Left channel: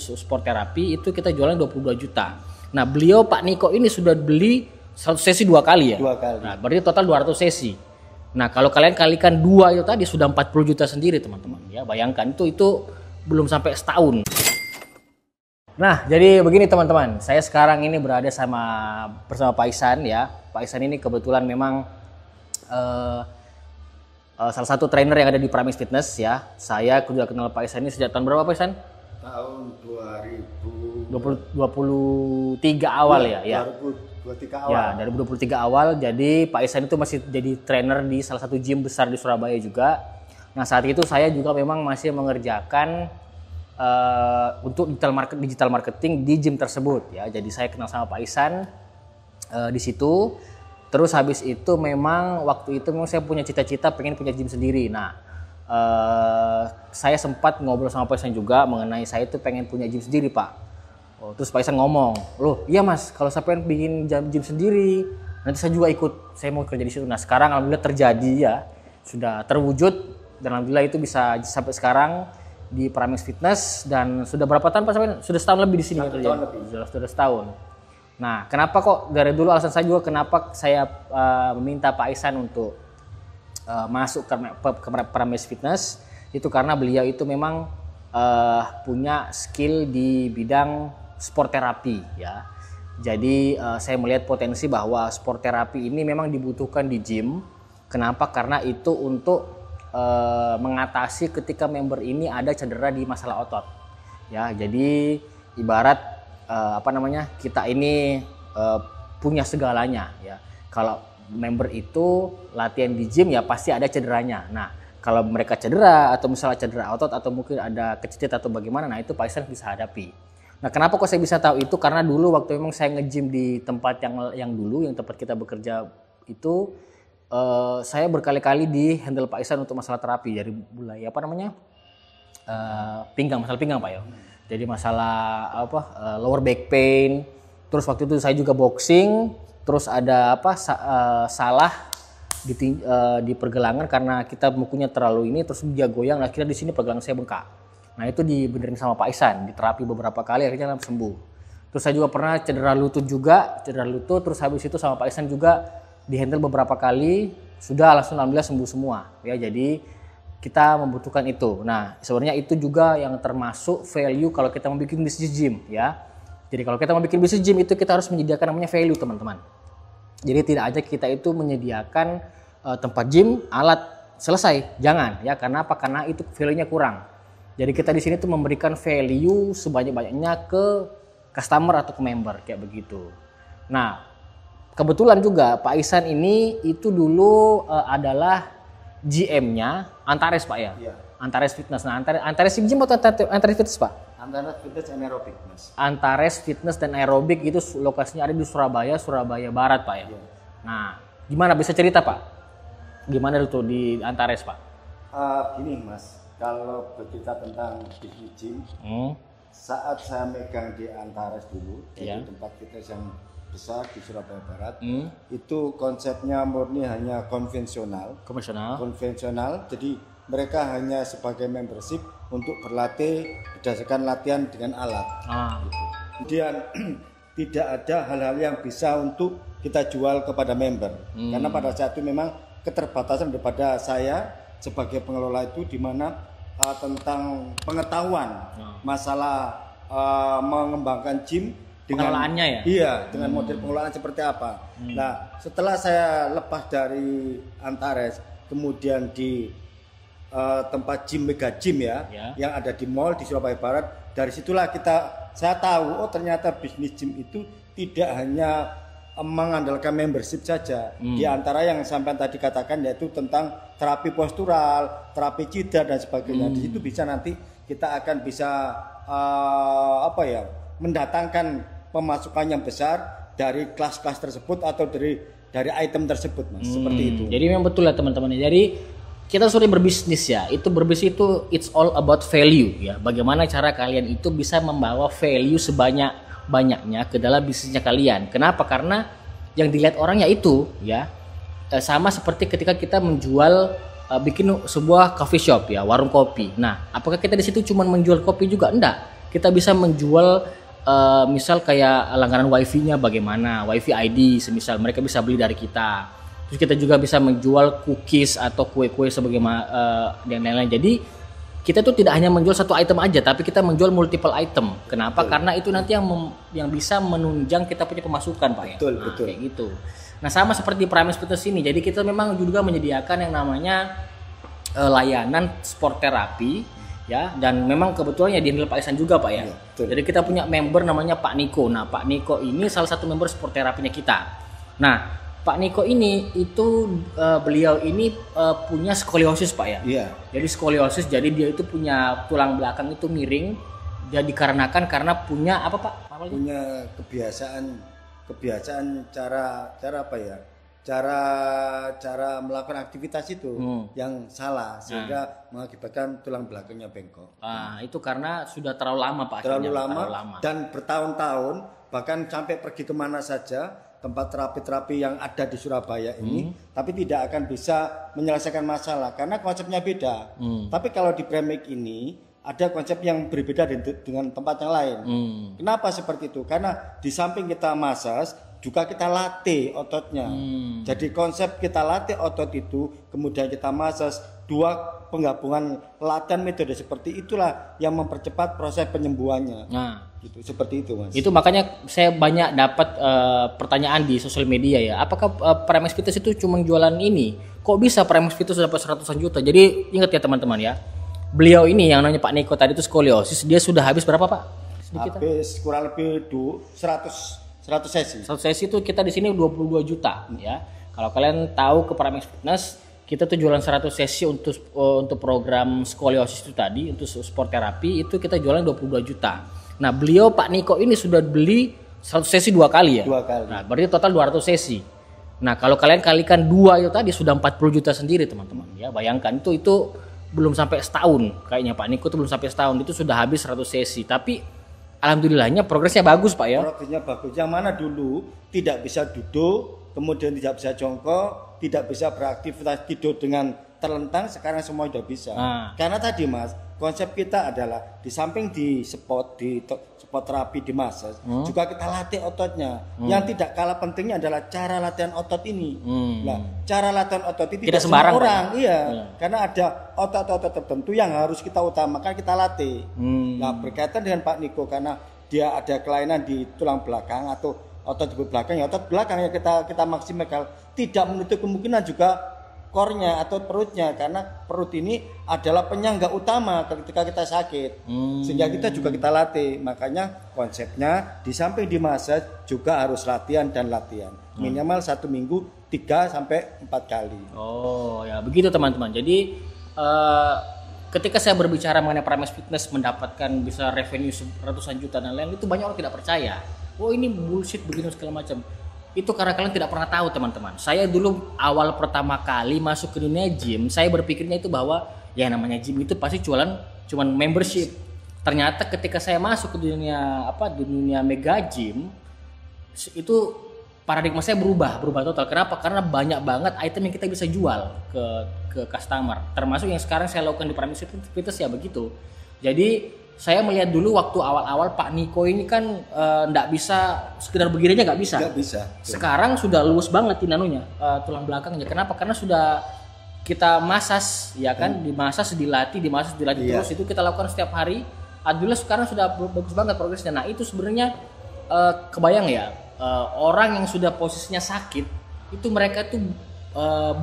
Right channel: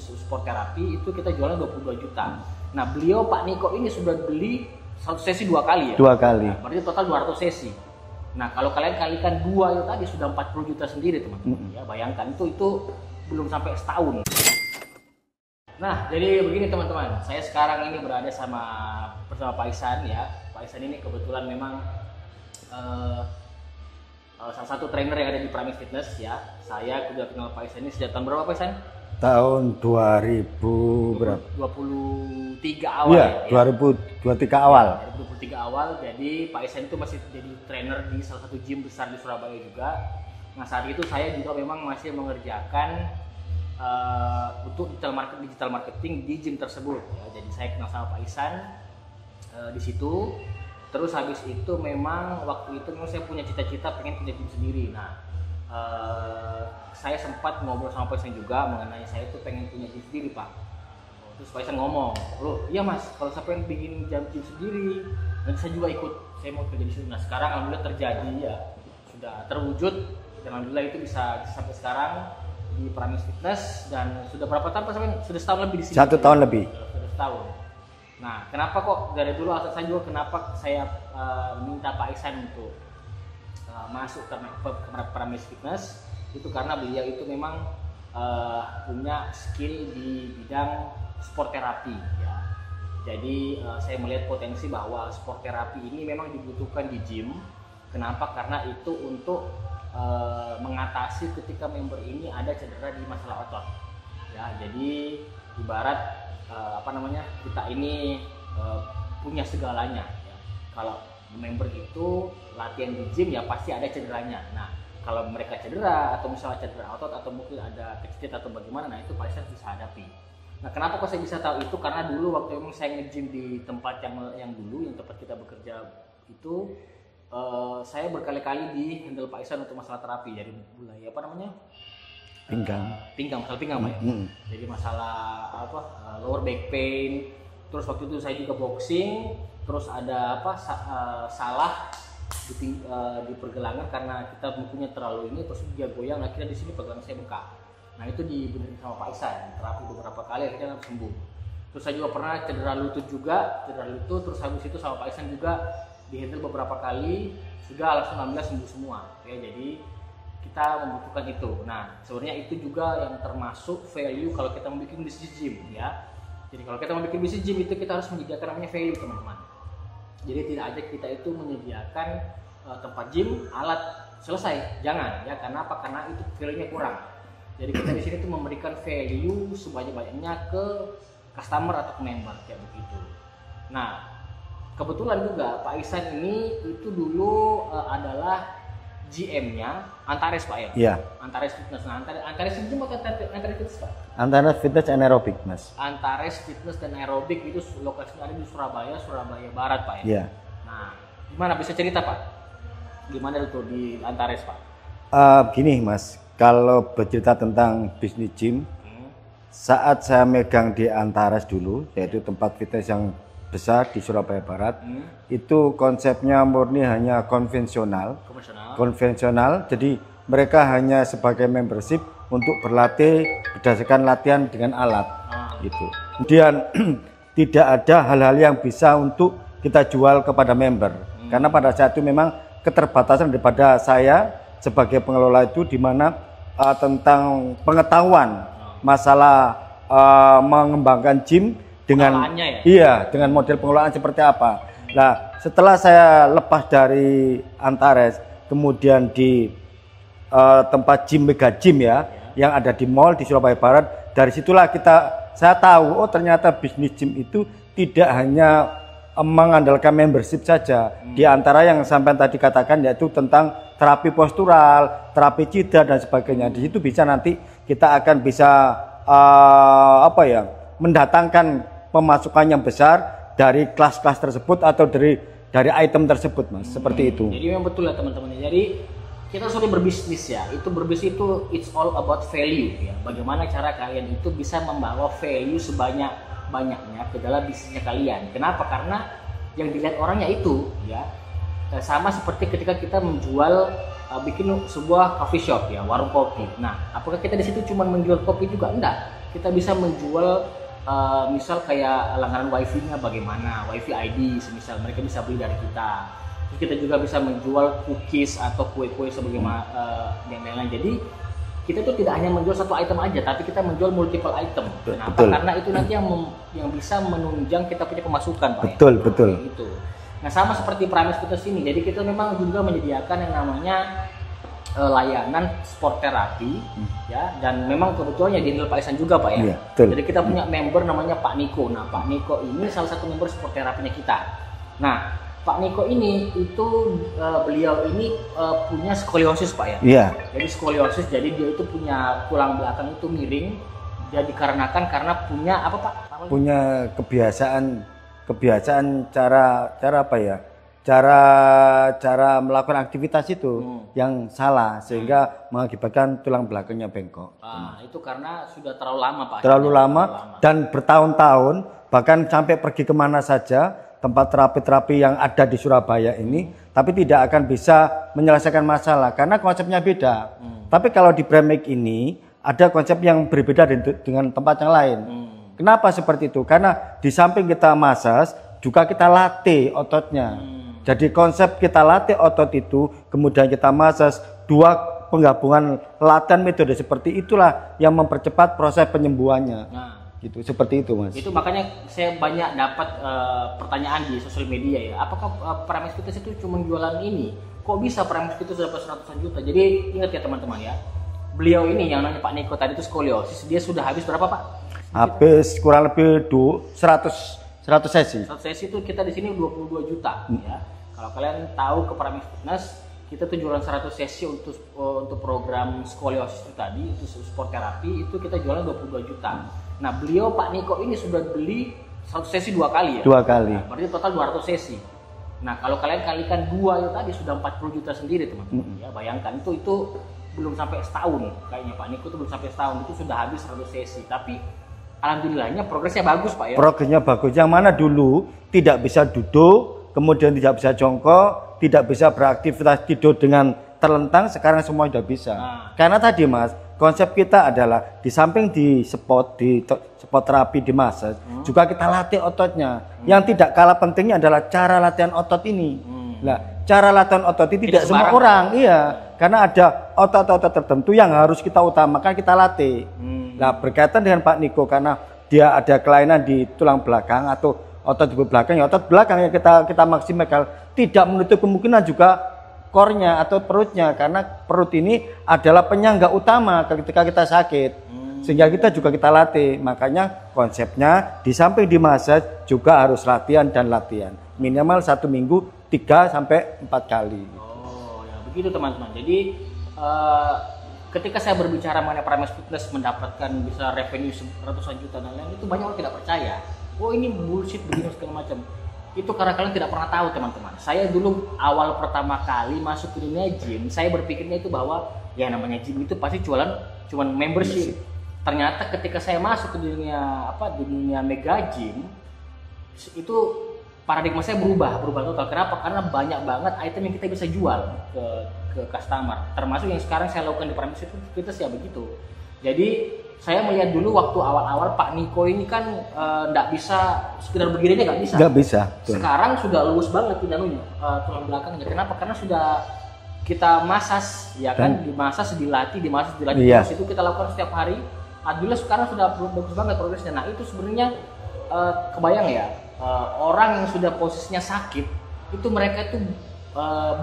khusus sport terapi itu kita jualan 22 juta. Nah, beliau Pak Niko ini sudah beli 100 sesi 2 kali ya? 2 kali. Nah, berarti total 200 sesi. Nah, kalau kalian kalikan 2 itu tadi sudah 40 juta sendiri teman-teman. Ya, bayangkan itu belum sampai setahun. Nah, jadi begini teman-teman. Saya sekarang ini berada bersama Pak Ihsan ya. Pak Ihsan ini kebetulan memang salah satu trainer yang ada di Pramis Fitness ya. Saya sudah kenal Pak Ihsan ini sejak tahun berapa Pak Ihsan? Tahun 2023 awal ya? 2023 awal. Ya, dari 2023 awal. Jadi Pak Ihsan itu masih jadi trainer di salah satu gym besar di Surabaya juga. Nah, saat itu saya juga memang masih mengerjakan untuk digital marketing di gym tersebut ya. Jadi saya kenal sama Pak Ihsan di situ. Terus habis itu memang waktu itu memang saya punya cita-cita pengen punya gym sendiri. Nah, saya sempat ngobrol sama Pak Ihsan juga mengenai saya itu pengen punya gym sendiri Pak. Terus Pak Ihsan ngomong, loh iya mas, kalau saya pengen bikin gym sendiri, nanti saya juga ikut, saya mau kerja di situ. Nah sekarang alhamdulillah terjadi ya, sudah terwujud dan alhamdulillah itu bisa sampai sekarang di Pramis Fitness. Dan sudah berapa tahun Pak sampai? Sudah setahun lebih di sini. 1 tahun lebih. Sudah setahun. Nah kenapa kok dari dulu alasan saya juga kenapa saya meminta Pak Ihsan untuk masuk ke Pramis Fitness itu karena beliau itu memang punya skill di bidang sport terapi ya. Jadi saya melihat potensi bahwa sport terapi ini memang dibutuhkan di gym. Kenapa? Karena itu untuk mengatasi ketika member ini ada cedera di masalah otot. Ya, jadi ibarat kita ini punya segalanya ya. Kalau member itu latihan di gym ya pasti ada cederanya. Nah, kalau mereka cedera atau misalnya cedera otot atau mungkin ada kecedit atau bagaimana, nah itu Pak Ihsan bisa hadapi. Nah, kenapa kok saya bisa tahu itu? Karena dulu waktu memang saya nge-gym di tempat yang tempat kita bekerja itu saya berkali-kali di handle Pak Ihsan untuk masalah terapi dari mulai pinggang, masalah pinggang Pak ya. Jadi masalah lower back pain. Terus waktu itu saya juga boxing. Terus ada salah di pergelangan karena kita bukunya terlalu ini, terus dia goyang, akhirnya di sini pergelangan saya bengkak. Nah itu dibenerin sama Pak Ihsan, diterapi beberapa kali akhirnya sembuh. Terus saya juga pernah cedera lutut, terus habis itu sama Pak Ihsan juga dihandle beberapa kali, sudah langsung alhamdulillah sembuh semua. Ya jadi kita membutuhkan itu. Nah sebenarnya itu juga yang termasuk value kalau kita mau bikin bisnis gym ya. Jadi kalau kita mau bikin bisnis gym itu kita harus menyediakan namanya value teman-teman. Jadi tidak aja kita itu menyediakan tempat gym, alat selesai, jangan ya. Karena apa? Karena itu value-nya kurang. Jadi kita di sini tuh memberikan value sebanyak-banyaknya ke customer atau ke member kayak begitu. Nah kebetulan juga Pak Ihsan ini itu dulu adalah GM-nya Antares Pak ya? Iya. Antares Fitness. Nah Antares Gym atau Antares Fitness Pak? Antares Fitness and Aerobic Mas. Antares Fitness dan Aerobic itu lokasinya ada di Surabaya Barat Pak ya? Iya. Nah gimana bisa cerita Pak? Gimana itu di Antares Pak? Gini Mas, kalau bercerita tentang bisnis gym, saat saya megang di Antares dulu, yaitu tempat fitness yang besar di Surabaya Barat, itu konsepnya murni hanya konvensional. Jadi mereka hanya sebagai membership untuk berlatih berdasarkan latihan dengan alat. Gitu. Kemudian tidak ada hal-hal yang bisa untuk kita jual kepada member, karena pada saat itu memang keterbatasan daripada saya sebagai pengelola itu, di mana tentang pengetahuan masalah mengembangkan gym dengan dengan model pengelolaan seperti apa. Nah, setelah saya lepas dari Antares, kemudian di tempat gym Mega Gym yang ada di mall di Surabaya Barat, dari situlah saya tahu ternyata bisnis gym itu tidak hanya mengandalkan membership saja. Di antara yang sampai tadi katakan yaitu tentang terapi postural, terapi cedera dan sebagainya. Di situ bisa nanti kita akan bisa mendatangkan pemasukan yang besar dari kelas-kelas tersebut atau dari item tersebut Mas, seperti itu. Jadi memang betul ya teman-teman. Jadi kita sudah berbisnis ya. Berbisnis itu it's all about value ya. Bagaimana cara kalian itu bisa membawa value sebanyak-banyaknya ke dalam bisnisnya kalian. Kenapa? Karena yang dilihat orang ya itu ya. Sama seperti ketika kita menjual bikin sebuah coffee shop ya, warung kopi. Nah, apakah kita di situ cuma menjual kopi juga? Enggak. kita bisa menjual misal kayak langganan wifi-nya bagaimana, wifi ID semisal mereka bisa beli dari kita. Terus kita juga bisa menjual cookies atau kue-kue sebagaimana dan lain-lain. Jadi kita tuh tidak hanya menjual satu item aja, tapi kita menjual multiple item. Kenapa? Betul. Karena itu nanti yang bisa menunjang kita punya pemasukan, Pak. Betul, ya? betul. Kayak gitu. Nah, sama seperti Primus Fitness ini. Jadi kita memang juga menyediakan yang namanya layanan sport terapi ya, dan memang kebetulan ya di Pak Ihsan juga, Pak ya. Iya, betul. Jadi kita punya member namanya Pak Niko. Nah, Pak Niko ini salah satu member sport terapinya kita. Nah, Pak Niko ini itu beliau ini punya skoliosis, Pak ya. Iya. Jadi skoliosis, jadi dia itu punya tulang belakang itu miring. Jadi karena punya apa, Pak? Punya kebiasaan cara apa ya? Cara melakukan aktivitas itu yang salah sehingga mengakibatkan tulang belakangnya bengkok. Itu karena sudah terlalu lama, Pak. Terlalu lama dan bertahun-tahun, bahkan sampai pergi kemana saja tempat terapi-terapi yang ada di Surabaya ini, tapi tidak akan bisa menyelesaikan masalah karena konsepnya beda. Tapi kalau di Bremake ini ada konsep yang berbeda dengan tempat yang lain. Kenapa seperti itu? Karena di samping kita massage, juga kita latih ototnya. Jadi konsep kita latih otot itu, kemudian kita massage, dua penggabungan latihan metode seperti itulah yang mempercepat proses penyembuhannya. Gitu, seperti itu, Mas. Itu makanya saya banyak dapat pertanyaan di sosial media ya. Apakah Primus Fitness itu cuma jualan ini? Kok bisa Primus Fitness dapat 100-an juta? Jadi ingat ya teman-teman ya. Beliau ini yang namanya Pak Niko tadi itu skoliosis, dia sudah habis berapa, Pak? Habis kurang lebih 100 sesi. 100 sesi itu kita di sini 22 juta ya. Kalau kalian tahu ke Primus Fitness, kita tuh jualan 100 sesi untuk program skoliosis itu tadi, untuk sport terapi itu kita jualan 22 juta. Nah, beliau Pak Niko ini sudah beli 100 sesi 2 kali ya. 2 kali. Nah, berarti total 200 sesi. Nah, kalau kalian kalikan 2 itu tadi sudah 40 juta sendiri, teman-teman. Ya, bayangkan itu belum sampai setahun. Kayaknya Pak Niko itu belum sampai setahun, itu sudah habis 100 sesi. Tapi alhamdulillahnya progresnya bagus, Pak ya. Progresnya bagus. Yang mana dulu tidak bisa duduk, kemudian tidak bisa jongkok, tidak bisa beraktivitas tidur dengan terlentang, sekarang semua sudah bisa. Karena tadi, Mas, konsep kita adalah di samping di spot terapi di massage, juga kita latih ototnya. Yang tidak kalah pentingnya adalah cara latihan otot ini. Nah, cara latihan otot ini tidak semua orang, karena ada otot-otot tertentu yang harus kita utamakan, kita latih. Nah, berkaitan dengan Pak Niko, karena dia ada kelainan di tulang belakang atau otot di belakang, ya otot belakang yang kita maksimalkan, tidak menutup kemungkinan juga core-nya atau perutnya, karena perut ini adalah penyangga utama ketika kita sakit. Sehingga kita juga kita latih. Makanya konsepnya di samping di massage juga harus latihan dan latihan. Minimal 1 minggu 3 sampai 4 kali. Oh, ya begitu teman-teman. Jadi ketika saya berbicara mengenai Primus Fitness mendapatkan bisa revenue ratusan juta dan lain, itu banyak orang tidak percaya. Oh, ini bullshit begini segala macam. Itu karena kalian tidak pernah tahu, teman-teman. Saya dulu awal pertama kali masuk ke dunia gym, saya berpikirnya itu bahwa ya namanya gym itu pasti cuman membership. Ternyata ketika saya masuk ke dunia mega gym, itu paradigma saya berubah total. Kenapa? Karena banyak banget item yang kita bisa jual ke customer. Termasuk yang sekarang saya lakukan di Primus Fitness ya begitu. Jadi saya melihat dulu waktu awal-awal Pak Niko ini kan nggak bisa sekedar berdiri aja nggak bisa. Nggak bisa. Sekarang sudah lulus banget inanunya tulang belakangnya. Kenapa? Karena sudah kita masas, ya kan, dimasas, dilatih terus itu kita lakukan setiap hari. Alhamdulillah sekarang sudah bagus banget progresnya. Nah itu sebenarnya kebayang ya, orang yang sudah posisinya sakit itu mereka tuh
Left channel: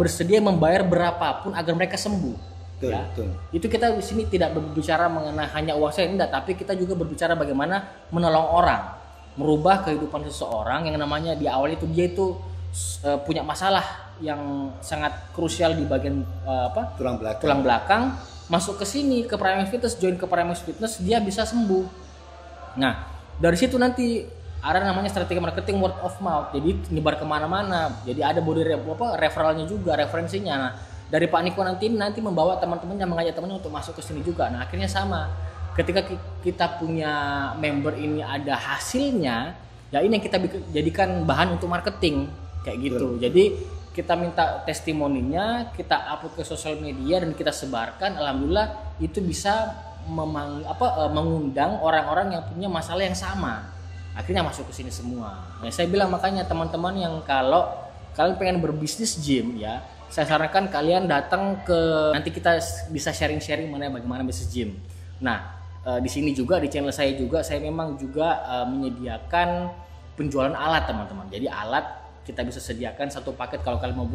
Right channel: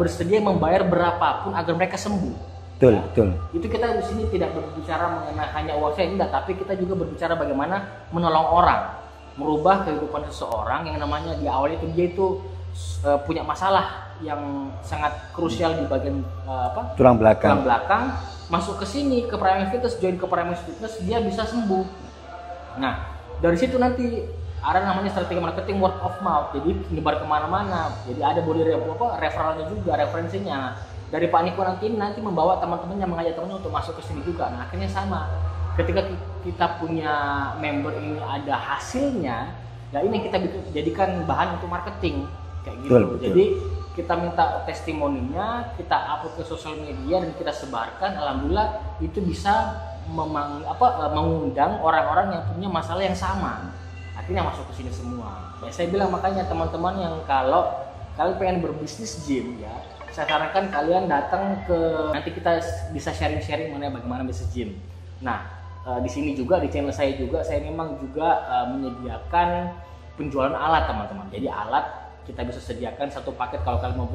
bersedia membayar berapapun agar mereka sembuh. Betul. Itu kita di sini tidak berbicara mengenai hanya uang saya, enggak, tapi kita juga berbicara bagaimana menolong orang, merubah kehidupan seseorang yang namanya di awal itu dia itu punya masalah yang sangat krusial di bagian tulang belakang. Masuk ke sini ke Primus Fitness, join ke Primus Fitness, dia bisa sembuh. Nah, dari situ nanti ada namanya strategi marketing word of mouth, jadi nyebar kemana-mana. Jadi ada body referralnya juga, referensinya. Nah, dari Pak Niko nanti membawa teman-temannya, mengajak temannya untuk masuk ke sini juga. Nah akhirnya sama, ketika kita punya member ini ada hasilnya, ya ini yang kita jadikan bahan untuk marketing kayak gitu. Betul. Jadi kita minta testimoninya, kita upload ke sosial media dan kita sebarkan. Alhamdulillah itu bisa mengundang orang-orang yang punya masalah yang sama, akhirnya masuk ke sini semua. Ya saya bilang makanya teman-teman yang kalau kalian pengen berbisnis gym ya, saya sarankan kalian datang ke, nanti kita bisa sharing-sharing mengenai bagaimana bisnis gym. Nah di sini juga di channel saya juga saya memang juga menyediakan penjualan alat teman-teman. Jadi alat kita bisa sediakan satu paket kalau kalian mau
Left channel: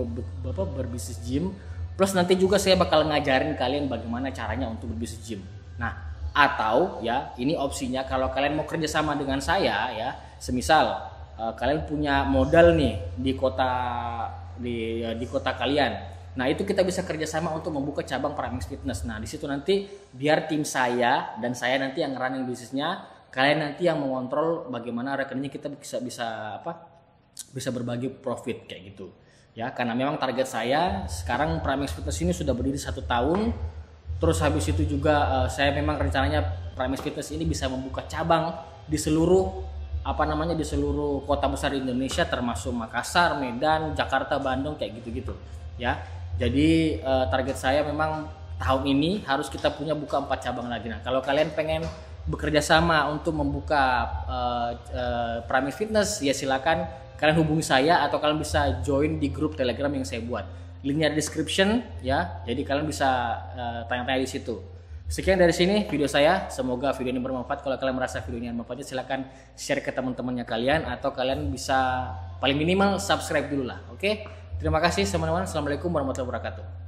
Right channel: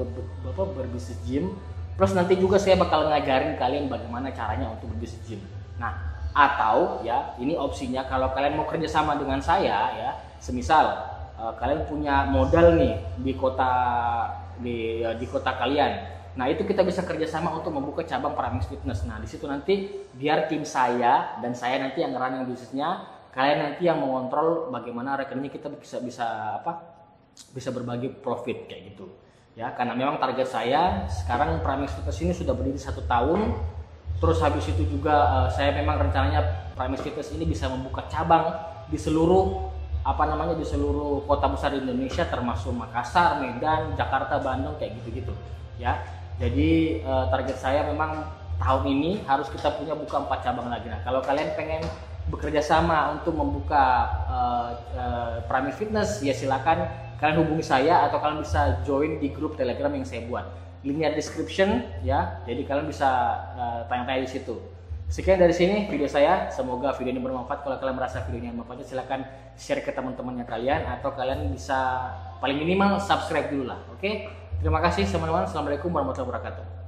berbisnis gym. Plus nanti juga saya bakal ngajarin kalian bagaimana caranya untuk berbisnis gym. Nah, atau ya ini opsinya kalau kalian mau kerjasama dengan saya ya, semisal kalian punya modal nih di kota kalian. Nah itu kita bisa kerjasama untuk membuka cabang Pramex Fitness. Nah di situ nanti biar tim saya dan saya nanti yang running bisnisnya, kalian nanti yang mengontrol bagaimana rekeningnya, kita bisa berbagi profit kayak gitu. Ya, karena memang target saya sekarang Pramex Fitness ini sudah berdiri 1 tahun. Terus habis itu juga saya memang rencananya Pramex Fitness ini bisa membuka cabang di seluruh di seluruh kota besar di Indonesia, termasuk Makassar, Medan, Jakarta, Bandung kayak gitu-gitu. Ya. Jadi target saya memang tahun ini harus kita buka 4 cabang lagi. Nah, kalau kalian pengen bekerja sama untuk membuka Pramex Fitness, ya silakan kalian hubungi saya atau kalian bisa join di grup Telegram yang saya buat. Linknya di description ya. Jadi kalian bisa tanya-tanya di situ. Sekian dari sini video saya. Semoga video ini bermanfaat. Kalau kalian merasa video ini bermanfaat, silakan share ke teman-temannya kalian atau kalian bisa paling minimal subscribe dulu lah. Oke? Terima kasih teman-teman. Assalamualaikum warahmatullahi wabarakatuh.